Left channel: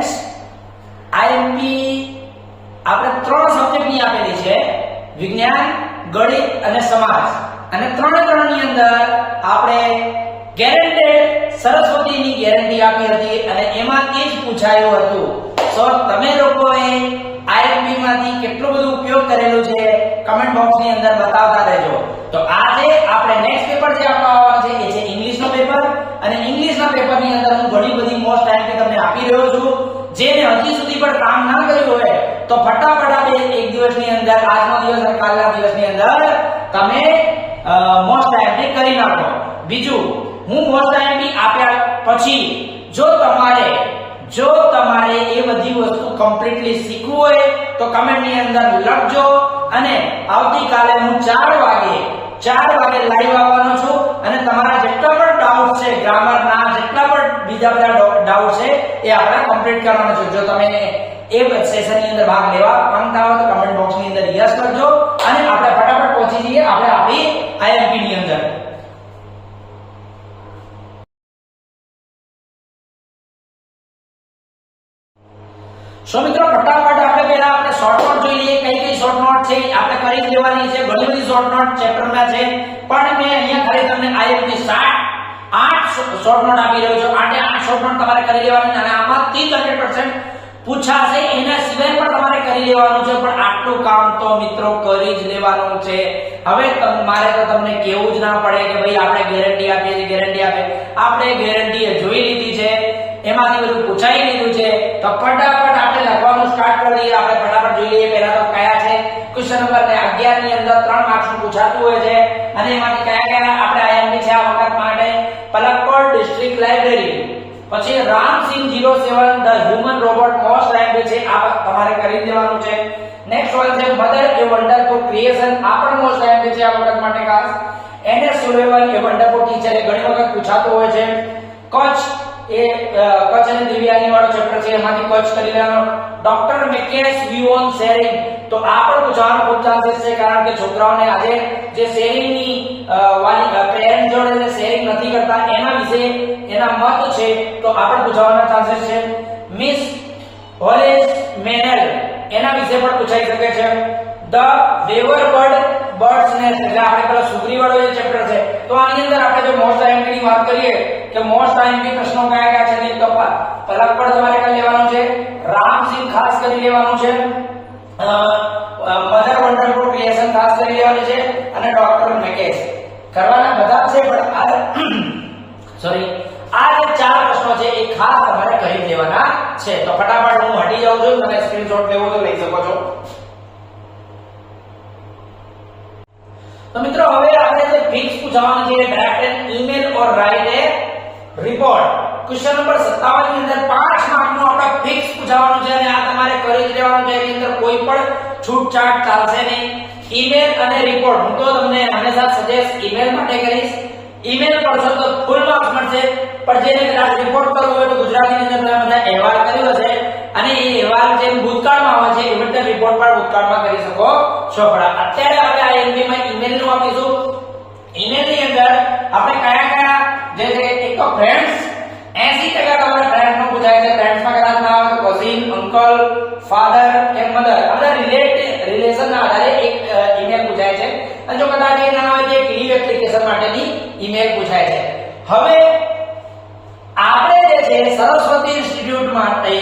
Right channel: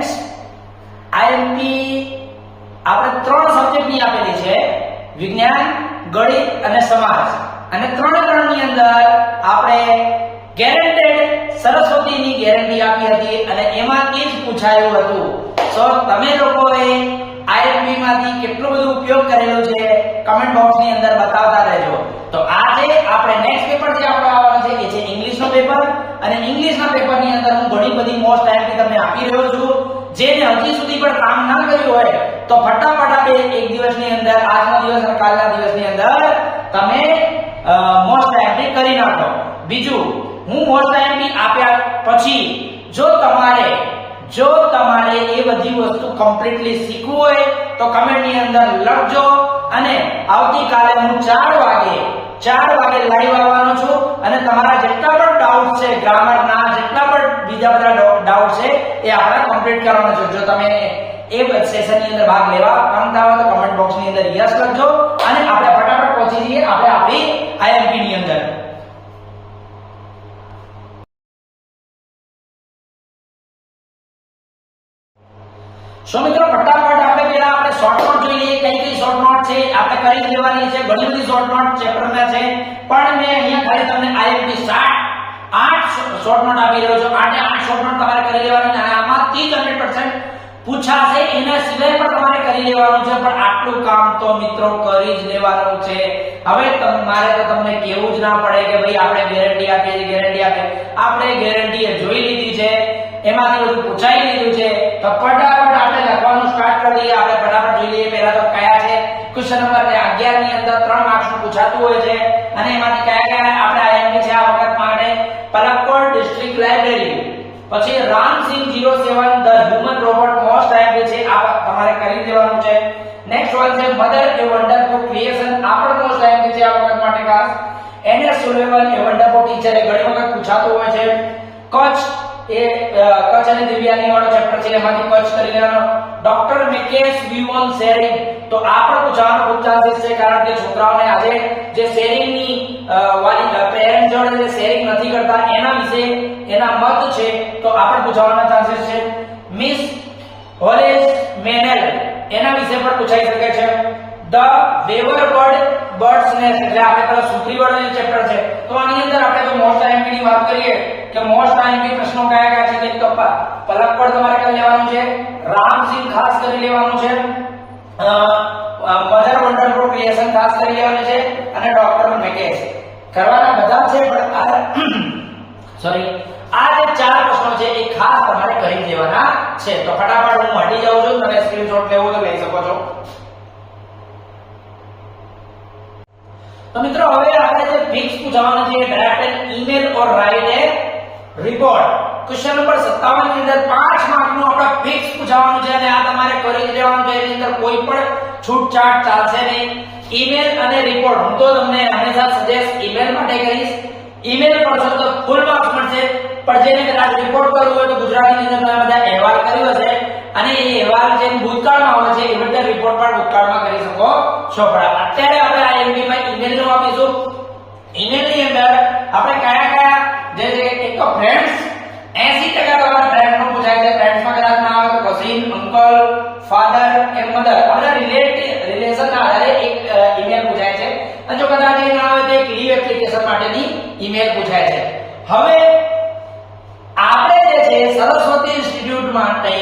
Students, IMP આપણે 3 સબ્જેક્ટની આપેલી છે, વિજ્ઞાન, ગણિત અને સમાજ, અને 3 ની અંદર આપણે ગેરંટેડ સરસ્વતીની ગેરંટી આપી હતી અને એમાંથી જ પૂછાયું હતું. તો તમે લોકોએ આઈએમપી માંથી કેટલો બધો ઉપયોગ કરેલો છે કમેન્ટ બોક્સની અંદર બતાવતા રહેજો. તો આજે આપણે નેક્સ્ટ પેપર જે આપવાનું છે એ છે ઇંગ્લિશનો પેપર, અને ઇંગ્લિશના પેપરની અંદર હું ઘણી બધી મોસ્ટ આઈએમપી તમને આપી રહ્યો છું. જેને હજી સુધી પણ કામ ના કર્યું હોય તો ફટાફટ આપણે એક દિવસની અંદર, આજનો દિવસ અને કાલના દિવસની અંદર તમે મોસ્ટ આઈએમપી કરી નાખો. બીજું, હું મોસ્ટ આઈએમપી આપ્યા પછી જો તમારે એ બધી વસ્તુ કમ્પ્લીટલી શીખવું હોય તો કમેન્ટની અંદર લખજો, અને આવતીકાલે હું 4 વાગે લાઈવ આવવાનો છું, અને તમારા જેટલા પણ ડાઉટ છે, ગ્રામરના જેટલા પણ બીજા બધા ડાઉટ છે એ આપણે કમ્પ્લીટ કરવાના છે. જો તમે એ સેશનની અંદર ભાગ લેવા માંગતા હો તો કમેન્ટ બોક્સની અંદર યસ લખજો, અને આપણે ફટાફટ પહોંચી જઈએ આપણે આપણી આઈએમપી ની અંદર. મિત્રો ફટાફટ આપણે પહેલા આપણે શોર્ટ નોટ જોઈએ, કઈ શોર્ટ નોટ છે આપણે કરી લેવાની છે. ઘણી બધી શોર્ટ નોટ ચેપ્ટરમાં છે, પણ મેં અહીંયા ખાલી તમને આઈએમપી 8 શોર્ટ નોટ આપી રહ્યો છું. 8 શોર્ટ નોટ તમારે કરી લેવાની, અને આમાંથી 100% પૂછાશે. એના સિવાય પણ તમારે કરી લેવાનું છે, પણ આટલું કામ તો મિત્રો કરી જ લેવાનું છે. હવે મારે તો તમને કેવું જ ના પડે કે ભાઈ આપણે ગેરંટી આપીએ. આપણે ગેરંટી જોઈ લીધી છે, એમાંથી બધું પૂછાઈ લીધું છે. તો ફટાફટ આપણે લખવાનું સ્ટાર્ટ કરી દઈએ. આપણે ફટાફટ જોઈ લઈએ પહેલા તો કયા છે. ક્વેશ્ચન નંબર 11 ની અંદર 3 માર્ક્સનું પૂછાતું હોય છે, અને એમાંથી કયા આપણે આઈએમપી છે આ વખત માટે. પલક્કડ ડિસ્ટ્રિક્ટ લાઇબ્રેરી, પછી Ramsingh 07 the human robot most IMP છે, આ તમારે કરી દેવાનું છે. નેક્સ્ટ વન છે મધર એ વન્ડરફુલ ક્રિએશન, આ પણ મોસ્ટ આઈએમપી છે આ વખત માટે ખાસ. Anne Sullivan a wonderful teacher, એ ઘણી વખત પૂછાતો હોય છે. કચ્છ અને દિવ્યાંગી વાળો ચેપ્ટર છે, એમાંથી કચ્છ કરી લેવાનો. ડોક્ટર મેકેન્સ વ્યૂ ઓન શેરિંગ, તો આ પણ પૂછવાનો ખૂબ ચાન્સીસ છે, કારણ કે છોકરાઓને આજે જે શેરિંગની વાલી પેરેન્ટ જોડે શેરિંગ નથી કરતા એના વિશે એના મત છે, તો આ પણ પૂછવાના ચાન્સીસ છે. મિસ હોલેસ મેનેલ, એના વિશે પણ પૂછાઈ શકે છે. ધ વેવર બર્ડ્સ નેસ્ટ, એટલે આપણે પેલો સુગ્રી વાળો જે ચેપ્ટર છે, તો આની અંદર આપણે જો મોસ્ટ આઈએમપી ની વાત કરીએ કે મોસ્ટ આઈએમપી પ્રશ્નો કયા છે, તો પહેલા પણ તમારે કરી લેવાનું છે. રામસિંહ ખાસ કરી લેવાનું છે. મધર વન્ડરફુલ ક્રિએશન ખાસ કરી લેવાનું છે, અને ડોક્ટર મેકેન્સ કરવાના બધા છે, પણ આ જે 4 પ્રશ્નો છે એ ખાસ તમારે કરી દેવાના છે. તો ફટાફટ હું હટી જાઉં છું, તમે સ્ક્રીનશોટ લેવો તો લઈ શકો છો. तो मित्रों હવે આપણે જે ફિક્સ પૂછવાનું છે કે direct an email or write a report. Question number 57 ની અંદર 5 માર્કનું આપણે ફિક્સ પૂછવાનું છે, અને આ તમારે કરી લેવાનું છે. એની અંદર કોઈ પણ છૂટછાટ ચાલશે નહીં. ઈમેલ અને રિપોર્ટ હું તો તમને હંમેશા સજેસ્ટ ઈમેલ માટે કરીશ. ઈમેલ કરશો તો ફૂલ માર્ક્સ મળશે, પણ જેને કદાચ રિપોર્ટ કરવો હોય તો ગુજરાતીની અંદર તમે બધા અહેવાલ કર્યો છે, અને એ અહેવાલ જે ભૂતકાળમાં આવે છે એ બધા રિપોર્ટ પણ ભૂતકાળમાં કરી શકો છો. પણ અત્યારે આપણે આ એમપી માં ઈમેલ નો આપીશું. ઈમેલ ની અંદર આપણે કયા જે એક તો ફ્રેન્ડ્સ 80% તમારા ફ્રેન્ડ નો પૂછાય છે. ફ્રેન્ડ્સ માં કદાચ ના આવે તો કઝિન, અંકલ, ફાધર કે મધર, આ બધા રિલેશન ના આધારે એક ઈમેલ પૂછાય છે. અને જો કદાચ એ ના આવે તો એક લીવ એપ્લિકેશન માટેની ઈમેલ પૂછાય છે. હવે આપણે જે છે સરસ્વતી ઇન્સ્ટિટ્યૂટ માટે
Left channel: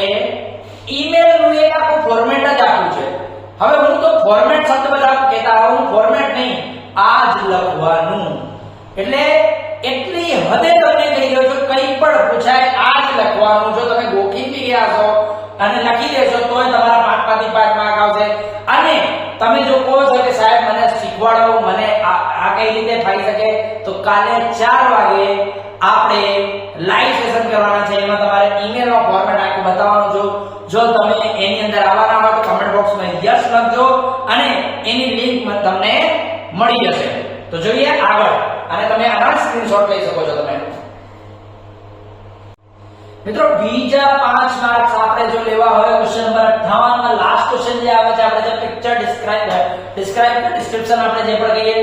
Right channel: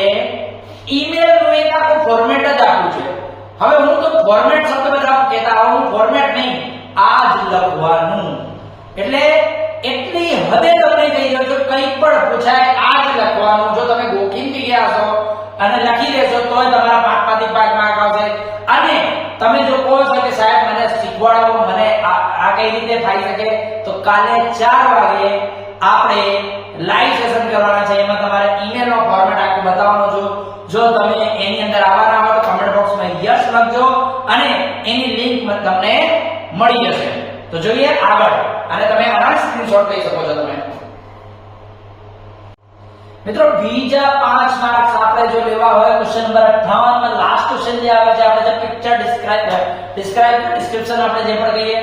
ઈમેલ નું એક આખું ફોર્મેટ જ આપ્યું છે. હવે હું તો ફોર્મેટ શબ્દ બધા કહેતા હું ફોર્મેટ નહીં, આ જ લખવાનું. એટલે એટલી હદે તમને કહી દઉં છું, કંઈ પણ પૂછાય આ જ લખવાનું. જો તમે ગોખીને ગયા છો અને લખી દેશો તો તમારા 5 માર્ક આવશે. અને તમે જો કહો છો કે સાહેબ મને શીખવાડો, મને આ કઈ રીતે થઈ શકે, તો કાલે 4 વાગે આપણે લાઈવ સેશન કરવાના છે. એમાં તમારે ઈમેલ નો ફોર્મેટ આખું બતાવવાનું છું. જો તમે એની અંદર આવવાના હોય તો કમેન્ટ બોક્સમાં યસ લખજો, અને એની લિંક તમને મળી જશે. તો જોઈએ આગળ, અને તમે આના સ્ક્રીનશોટ લઈ શકો છો. તમે મિત્રો બીજા 5 માર્ક્સ આપણે જો લેવા હોય ક્વેશ્ચન નંબર 58 માં લાસ્ટ ક્વેશ્ચન જે આવે છે, આપણે જે પિક્ચર ડિસ્ક્રિપ્શન આપણે જે પણ કહીએ,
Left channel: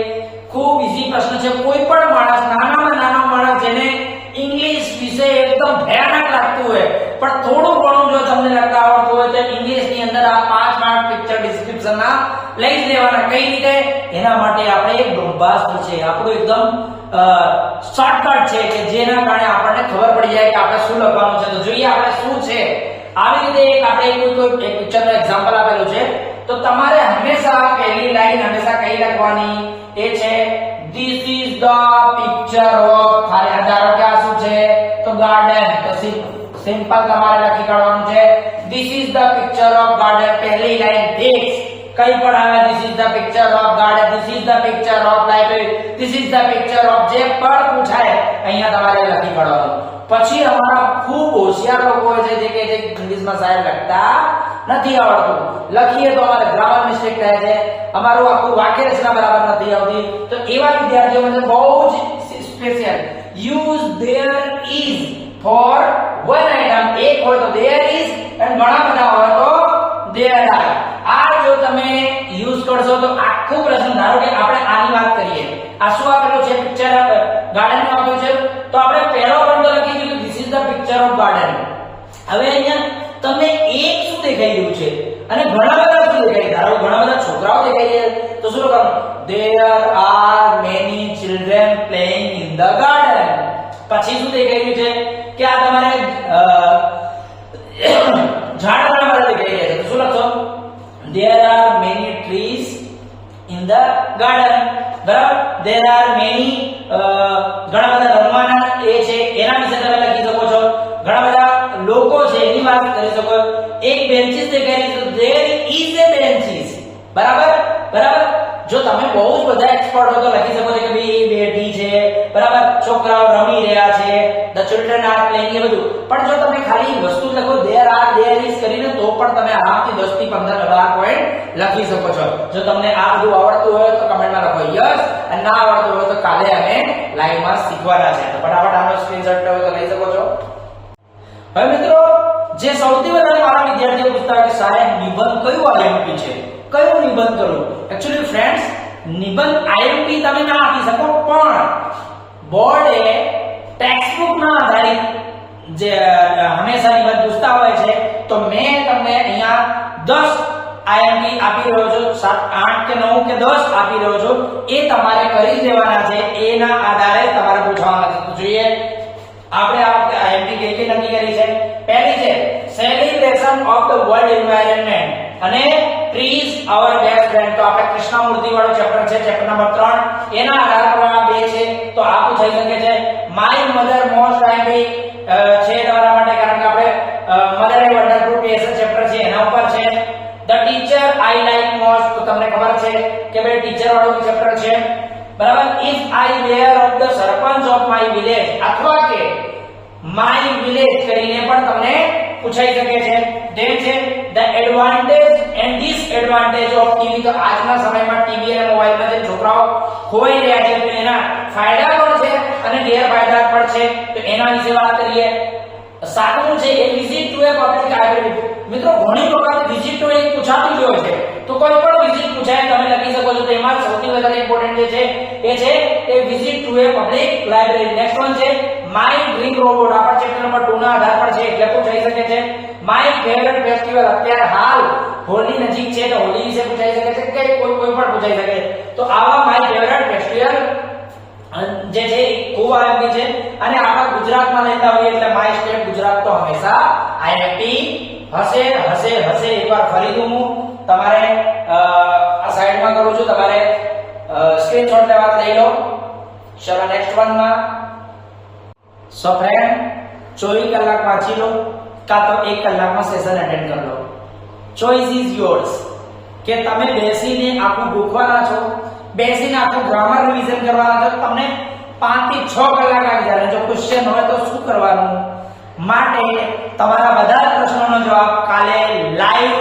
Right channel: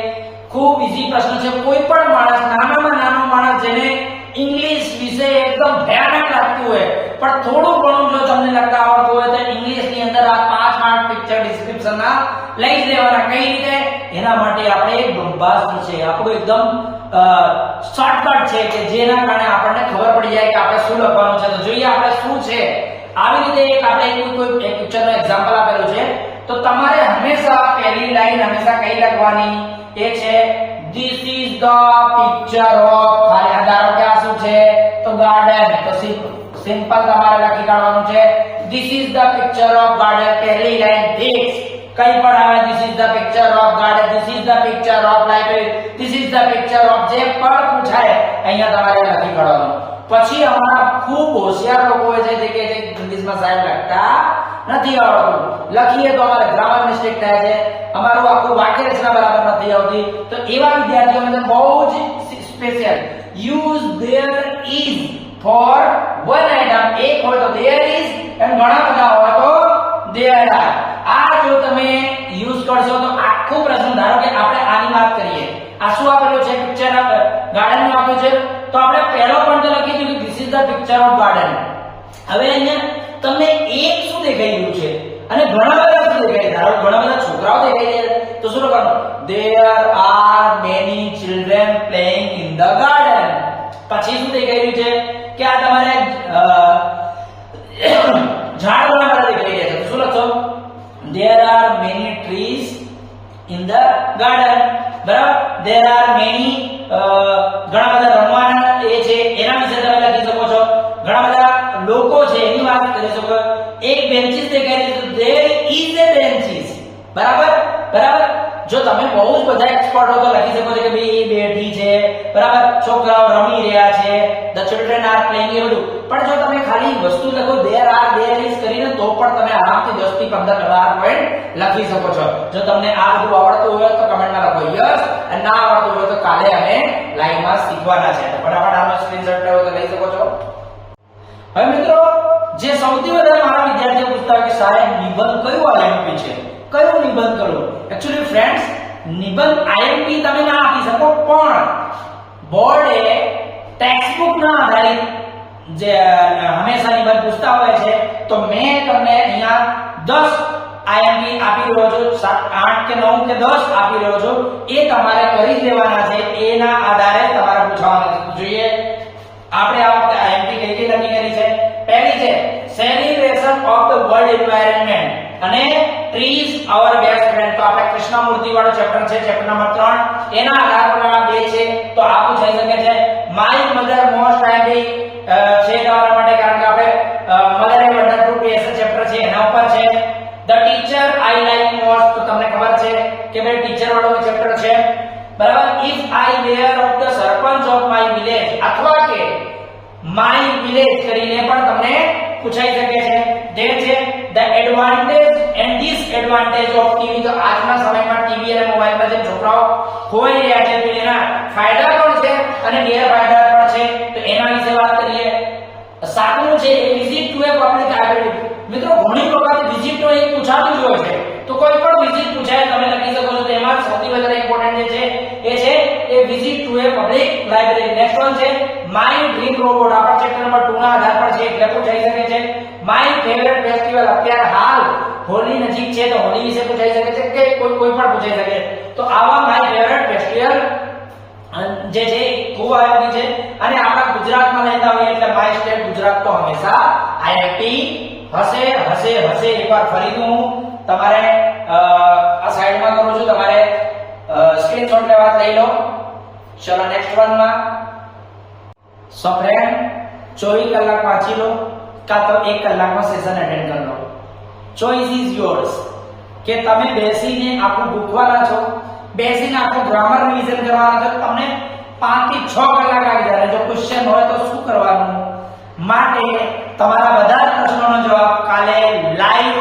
ખૂબ ઈઝી પ્રશ્ન છે. કોઈ પણ માણસ, નાનામાં નાનો માણસ જેને ઇંગ્લિશ વિશે એકદમ ભયાનક લાગતું હોય પણ થોડું ઘણું જો તમને લખતા આવડતું હોય તો ઇંગ્લિશ ની અંદર આ 5 માર્ક પિક્ચર ડિસ્ક્રિપ્શન ના લઈ જ લેવાના. કઈ રીતે? એના માટે આપણે એક બ્રહ્માસ્ત્ર છે, આપણું એકદમ શોર્ટકટ છે કે જેના કારણે આપણને ખબર પડી જાય કે આપણે શું લખવાનું છે. તો જોઈએ આપણે શું છે. આવી રીતે એક આપણે કોઈ એક પિક્ચરનો એક્ઝામ્પલ આપેલું છે તો તમારે હંમેશા પહેલી લાઈન હંમેશા કઈ લખવાની? એ છે This is the picture of, ધારો કે આ શું છે? તો ગાર્ડન. તો સિમ્પલ તમારે લખી કાઢવાનું છે This is the picture of garden. પહેલી લાઈન ફિક્સ. કઈ પણ આવે This is the picture of garden, This is the picture of library, This is the picture of, જે પણ પૂછાય અહીંયા તમારે લખી કાઢવાનું. પછી હમણાં ખૂબ હોશિયાર લોકો હોય છે જે કે ઇંગ્લિશમાં સાહેબ લખતા નથી આવડતું, લખીએ તો અમારે ગ્રામર મિસ્ટેક થાય છે, અમારું આખું વાક્ય રચના બરાબર નથી આવતી. તો એવા વિદ્યાર્થીઓ માટે બહુ જ special use there is for one item. એક હોય તો there is અને ઘણા બધા હોય તો there are. આ જો તમે યુઝ કરશો તો આખું પ્રશ્ન, ધારો કે આપણે આની વાત કરીએ, આ શું આપેલું છે? પિક્ચર ગાર્ડન આપ્યું છે તો આપણે પહેલો પોઈન્ટ લખી દીધું This is the picture of garden. હવે અહીંયા તમને એક શું દેખાઈ રહ્યું છે અને ઘણા બધા શું દેખાય? ધારો ઘણા બધા છોકરાઓ દેખાઈ રહ્યા તો શું લખવાનું? There are many children playing in the garden. પછી શું દેખાઈ રહ્યું છે કે આ તમારે ઝાડના માટે દેખાઈ રહ્યા છે. શું લખશો? There are many trees in the garden. બરાબર? There are many ઘણા બધા રમવાના એ છે એના વિશે તમે લખી શકો છો. ઘણા બધા લોકો છે એની વાત કરી શકો. એક બેન્ચીસ દેખાય છે તો there is a benches. બરાબર? જો તમે બહુ જ બધા એક્સપર્ટ હો તો લખી શકો છો કે ભાઈ એ બેઠી છે, બરાબર, છોકરાઓ રમી રહ્યા છે, the children are playing, એ બધું. પણ જો તમે ખાલી વસ્તુ લખો there are, there is કરીને તો પણ તમે આરામથી 10 થી 15 પોઈન્ટ લખી શકો છો. જો તમને આ બધું આવડતું હોય તો કમેન્ટમાં લખો યસ, અને ના આવડતું હોય તો કાલે અમે લાઈવમાં શીખવાના છે. તો ફટાફટ આનો સ્ક્રીનશોટ લેવો તો લઈ શકો છો. હવે મિત્રો, જે સૌથી વધારે મારા વિદ્યાર્થીઓ પૂછતા હોય કે સાહેબ નિબંધ કયું આઈએમપી છે, કયું નિબંધ કરું? એકચ્યુઅલી ફ્રેન્ડ્સ, નિબંધ આઈએમપી તમે ના આપી શકો પણ બોર્ડે ટેક્સ્ટબુક ના આધારિત જે હંમેશા નિબંધ પૂછતા હોય છે તો મેં તમને અહીંયા 10 આઈએમપી આપી રહ્યો છું, 7, 8 કે 9 કે 10 આપી રહ્યો છું. એ તમારે કરી દેવાના છે, એના આધારે તમારે પૂછવાના છે. જોઈએ આપણે આ વખતે આઈએમપી કઈ નક્કી કરી છે. પહેલી છે celebration of the world environment અને ટ્રીઝ અવર બેસ્ટ ફ્રેન્ડ. તો આપણે કૃષ્ણમૂર્તિ વાળો ચેપ્ટર છે, ચેપ્ટર નંબર 3, એના આધાર પર આ બે છે. તો આ પૂછાઈ શકે છે. માય મધર મોસ્ટ કાઇન્ડલી છે તમારા માટે, કારણ કે આપણે mother a wonderful place chapter છે એના ઉપર છે. The teacher I like most, તો તમને ખબર છે કે ભાઈ ટીચર વાળું ચેપ્ટર છે, બરાબર. If I were of the sarpanch of my village, અથવા કે માય વિલેજ કરીને પણ તમને પૂછાઈ શકે છે. જે છે the advantage and disadvantage of TV. તો આજના સમયમાં ટીવી અને મોબાઈલમાં જે છોકરાઓ ખોઈ રહ્યા છે તો એના ફાયદા પણ છે અને ગેરફાયદા પણ છે. તો એના વિશે વાત કરીએ. સાતમું છે એ visit to a public library. મિત્રો, ઘણી વખત વિઝિટ તો એ પૂછાતું જ હોય છે, તો કોઈ પણ વિઝિટ પૂછાય તમે લખી શકો છો. તો એમાં સૌથી વધારે ઇમ્પોર્ટન્ટ જે છે એ છે એ visit to a public library. Next one છે માય ડ્રીમ રોબોટ. આપણા ચેપ્ટર નંબર 2 ના આધાર પર છે એટલે પૂછાઈ શકે છે. My favourite festival. અત્યારે હાલ હોલી નજીક છે તો હોલી વિશે પૂછાઈ શકે છે કે કોઈ પણ પૂછાઈ શકે. તો આવા માય ફેવરિટ ફેસ્ટિવલ જે છે ખૂબ આઈએમપી છે. અને આપણા ગુજરાતમાં લેતા હોઈએ એટલે માય સ્ટેટ ગુજરાત તો હંમેશા આઈએમપી હશે. એકવાર ફરીથી હું તમારે આ સાઈડમાં કરું છું, તમારે સ્ક્રીનશોટ લેવા લઈ લો. ચલો નેક્સ્ટ વનમાં. સો ફ્રેન્ડ, 24 કલાક વાંચી લો કાં તો 1 કલાકનો સેશન અટેન્ડ કરી લો. Choice is yours. કે તમે બેસીને આખું ગોખવાના છો, બેસીને આખું ગ્રામર રિવિઝન કરવાના છો. તમને 5 થી 6 કલાક આવી જાય. જો ક્વેશ્ચન હોય તો શું કરવાનું? માટે તમારા બધા જ પ્રશ્નોનો જવાબ કાલે લાઈવ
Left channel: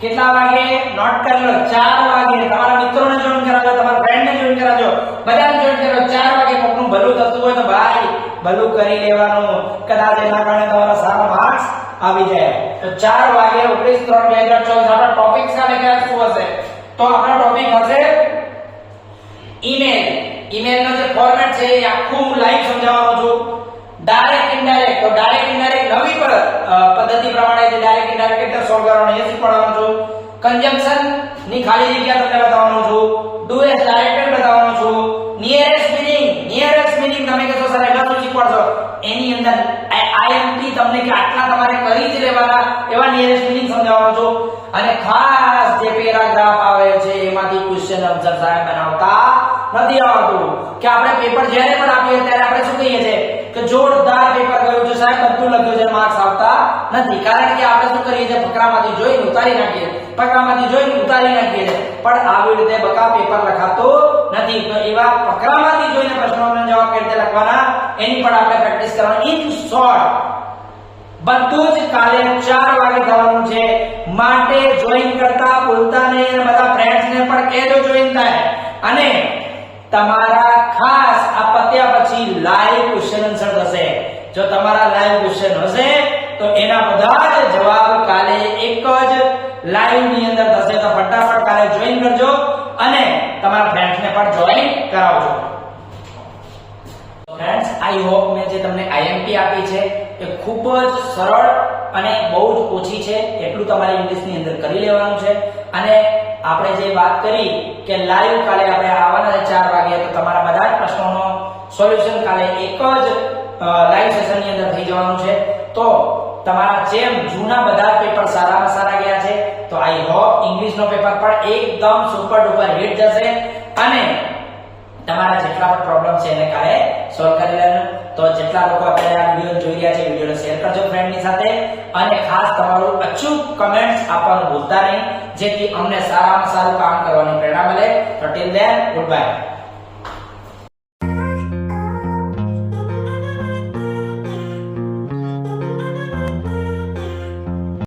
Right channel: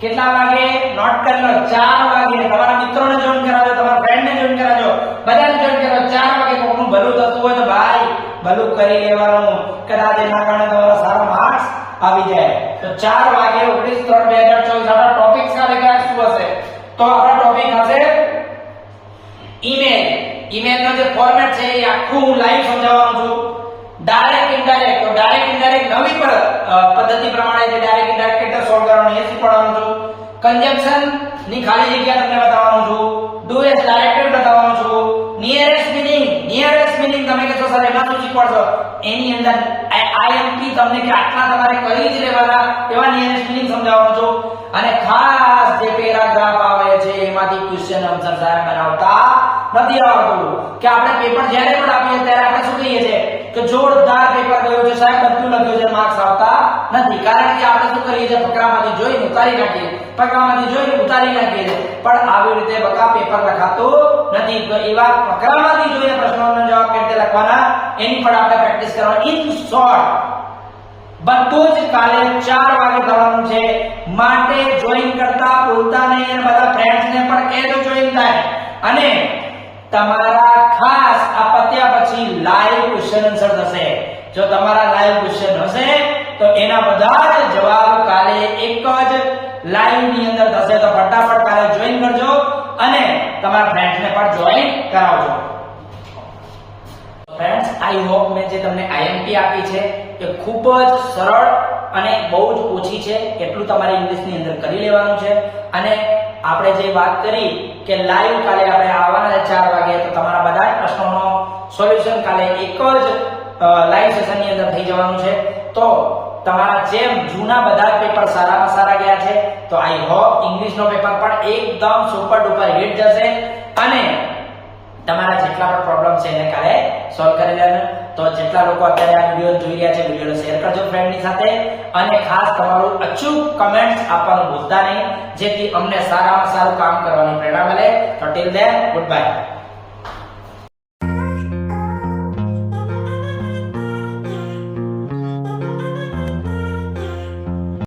કેટલા વાગે નોટ કરી લો? 4 વાગે. તમારા મિત્રોને જોઈન કરાવજો, તમારા ફ્રેન્ડને જોઈન કરાવજો, બધાને જોઈન કરાવજો. 4 વાગે કોકનું ભલું થતું હોય તો ભાઈ ભલું કરી લેવાનું. કદાચ એના કારણે તમારા સારા માર્ક્સ આવી જાય. તો 4 વાગે 29/3/2024 આપણા ટોપિક્સ કાલે ક્યાં શું હશે? તો આપણા ટોપિક હશે ઈમેલ. ઈમેલનો જે ફોર્મેટ છે એ આખું લાઈવ સમજાવવાનું છું. ડાયરેક્ટ ઇનડાયરેક્ટ, તો ડાયરેક્ટ ઇનડાયરેક્ટ નવી પદ્ધતિ પ્રમાણે જે ડાયરેક્ટ ઇનડાયરેક્ટ કેવી રીતે સોલ્વ કરવાનું એ શીખવાડવાનું છું. કન્જંક્શન ની ખાલી જગ્યા તમને બતાવવાનો છું. ડુ એસ ડાયરેક્ટેડ બતાવવાનો છું. નિયરેસ્ટ મીનિંગ તમે કહેશો સર એમાં શું શીખવાડશો, એની અંદર આઈએમપી તમને કે આટલા તમારે કરી જ લેવાના એવા નિયરેસ્ટ મીનિંગ સમજાવવાનો છું. અને ખાસ જે પેરાગ્રાફ આવે છે એમાંથી ક્વેશ્ચન આન્સર સાહેબ બનાવતા નથી આવતું. કે આપણે પેપર જ્યારે પણ આપીએ ત્યારે આપણે શું કહીએ છીએ કે જોરદાર પેપર ગયું છે સાહેબ, બધું લખ્યું છે, માર્ક્સ આવતા નથી. કારણ કે આપણે શું કરીએ છીએ, ફકરામાંથી જોઈને ઉતારી નાખીએ, પણ આવી રીતે બધા પેપર લખાતું નથી. તો એવા ફકરામાંથી જોઈને પ્રશ્નોના જવાબ કેવી રીતે લખવાના એની પણ આપણે પ્રેક્ટિસ કરવાની. ઇન શોર્ટ બધું જ કાલે 4 વાગે થવાનું છે, માટે જોઈન કરતા ભૂલતા નહીં અને બધા ફ્રેન્ડ્સને પણ કહેજો જોઈન થાય. અને તમારા ખાસ આ પત્યા પછી લાઈવ ક્વેશ્ચન આન્સર થશે. જો તમારા લાઈવ ક્વેશ્ચન હશે તો એના બધા જ જવાબ કાલે એક જ લાઈવ ની અંદર થશે. તો ફટાફટ કાલે જોઈન કરજો અને તમારા ફ્રેન્ડ્સને પણ જોઈન કરાવજો. ફ્રેન્ડ્સ, આઈ હોપ મેં જે તમને આઈએમપી આપી છે એ ખૂબ જ સરળ અને બહુ જ ઓછી છે. એટલું તમારે ઇંગ્લિશની અંદર કરી લેવાનું છે. અને આપણે જે વાત કરી કે લાઈવ કાલે આપણે આવવાના છે 4 વાગે, તો તમારા બધા જ પ્રશ્નોનો સોલ્યુશન કાલે એક જ લાઈવ સેશનની અંદર થઈ જવાનું છે. તો તમારા જેમ જૂના બધા પેપર સારામાં સારા ગયા છે, તો આઈ હોપ ઇંગ્લિશનો પેપર પણ એકદમ સુપર ડુપર હિટ જશે. અને તમારા જેટલા પણ પ્રોબ્લેમ છે એને કાલે સોલ્વ કરી લેવાનું. તો જેટલા લોકો અત્યારે આ વિડિયો જોઈ રહ્યા છે, વિડિયોને શેર કરજો ફ્રેન્ડની સાથે. અને ખાસ તમારું અચૂક કમેન્ટ્સ આપવાનું ભૂલતા નહીં, જેથી અમને સારામાં સારું કામ કરવાની પ્રેરણા મળે. તો ટીલ ધેન, ગુડ બાય.